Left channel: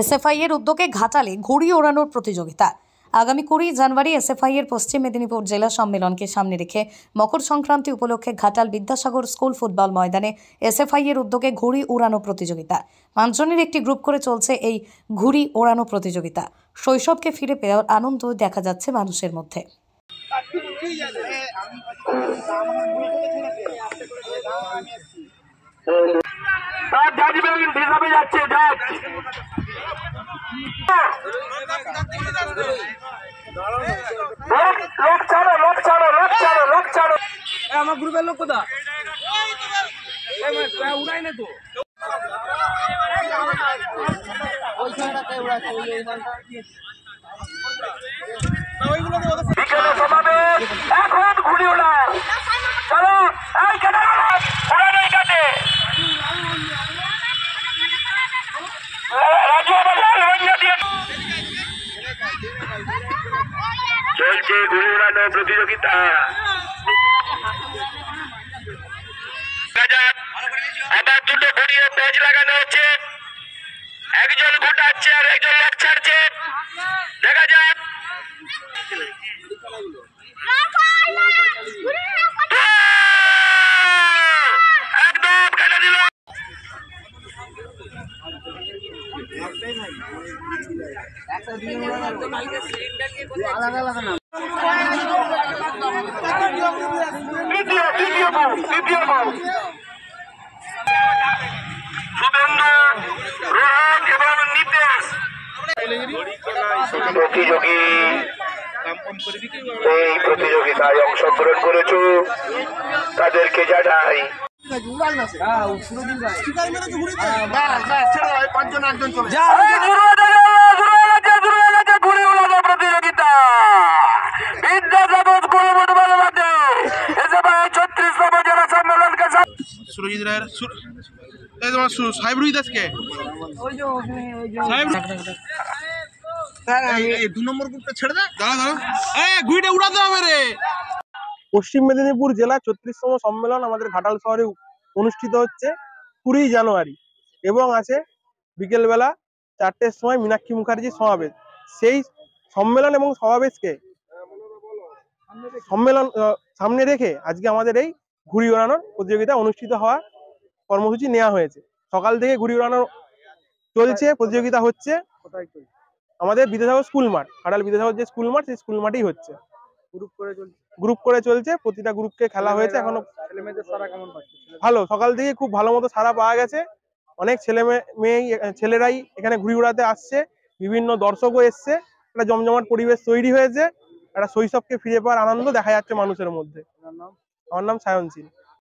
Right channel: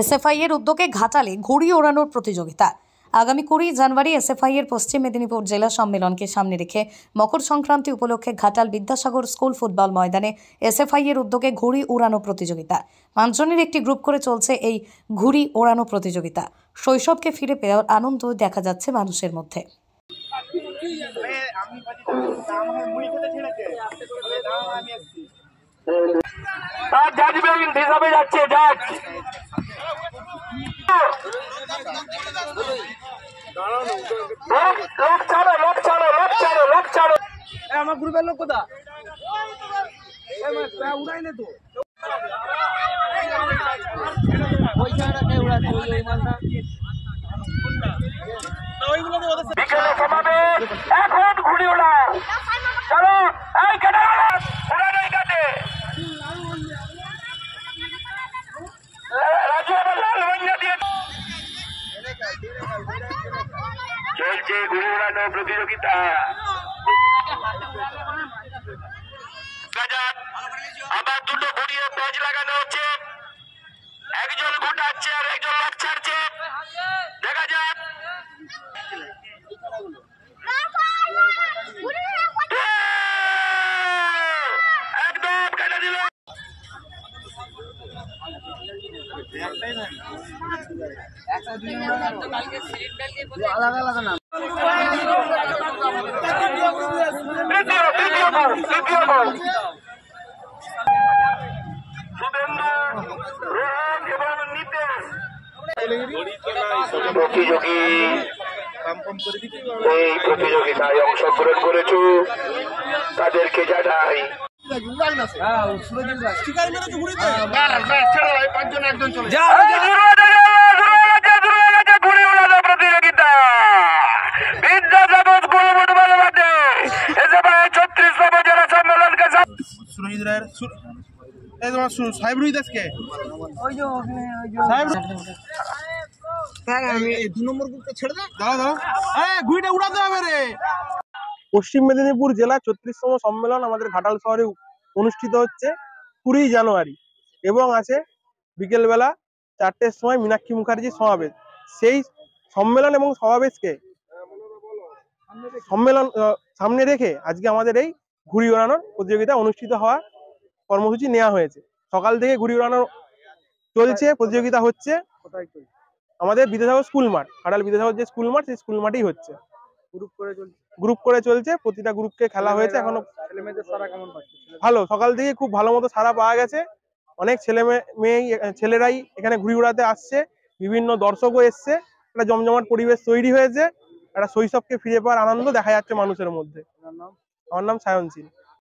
SFI এর উদ্যোগে ঘাটালে ঘুড়ি ওড়ানোর প্রতিযোগিতা। আগামী 20 জানুয়ারি এসএফআই এর পশ্চিম মেদিনীপুর জেলা সম্মেলনকে সামনে রেখে মকর সংক্রান্তি উপলক্ষে ঘাটাল বিদ্যাসাগর স্কুল ফুটবল ময়দানে এসএফআই এর উদ্যোগে ঘুড়ি ওড়ানো প্রতিযোগিতা। 5 জনের একটি গ্রুপ করে চলছে এই ঘুড়ি ওড়ানো প্রতিযোগিতা। শৈশবকে ফিরে পাওয়ার আনন্দ দেখা যাচ্ছে মানুষের মধ্যে। আমার গ্রুপের লোক কোথা উড়াই না তো ওই জায়গাটা উড়াচ্ছে ওই মালটা ওইগুলো এখন ঘুরি ওড়াও চলো এই কেটে উড়ানোর কাছে চলছে ঘুড়ি ওড়ানোর প্রতিযোগিতা। আবার দুটো ঘুরিয়ে পেজ লাগানো হচ্ছে, একজন ঘুটাচ্ছে আর একজন লোক ছাড়ছে। দেখা যাক একদম কেটে দিল। প্রতিযোগী এই প্রতিযোগিতায় অংশগ্রহণ করেছ তাদেরকে জানাই প্রতিযোগিতা বিদ্যাসাগর স্কুল ফুটবল মাঠে এসএফআই 36তম জেলা সম্মেলনকে সুরজিৎ রায়ের সাহেব রুই দাসকে পশ্চিম মেদিনীপুর জেলা 36তম সম্মেলন আমাদের ঘাটাল শহরে অনুষ্ঠিত হচ্ছে 20 জানুয়ারি এবং আছে বিকেলবেলা 4টের সময় মীনাক্ষী মুখার্জির সমাবেশ। সেই সম্মেলন এবং সমাবেশকে সামনে রেখে আজকে আমাদের এই ঘুড়ি ওড়ানোর প্রতিযোগিতা অনুষ্ঠিত হওয়ার কর্মসূচি নেওয়া হয়েছে। সকাল থেকে ঘুড়ি ওড়ানো চলছে, প্রতিযোগিতা হচ্ছে আমাদের বিদ্যাসাগর স্কুল মাঠ, ঘাটাল বিদ্যাসাগর যে স্কুল মাঠ সেই স্কুল মাঠেই হচ্ছে। গ্রুপ করে চলছে, প্রতিটা গ্রুপকে খেলা হয়েছে। এখনো ভালো, সকাল থেকে খুব ভালো মতো সাড়া পাওয়া গেছে। অনেক ছেলেরাই এখানে ঘুড়ি উড়াতে আসছে, বিভিন্ন দর্শকও এসছে। একটা জমজমাট পরিবেশ তৈরি হয়েছে, একটা শৈশবকে ফিরে পাওয়ার আনন্দ দেখা যাচ্ছে মানুষের মধ্যে। আমার নাম সায়ন সিং।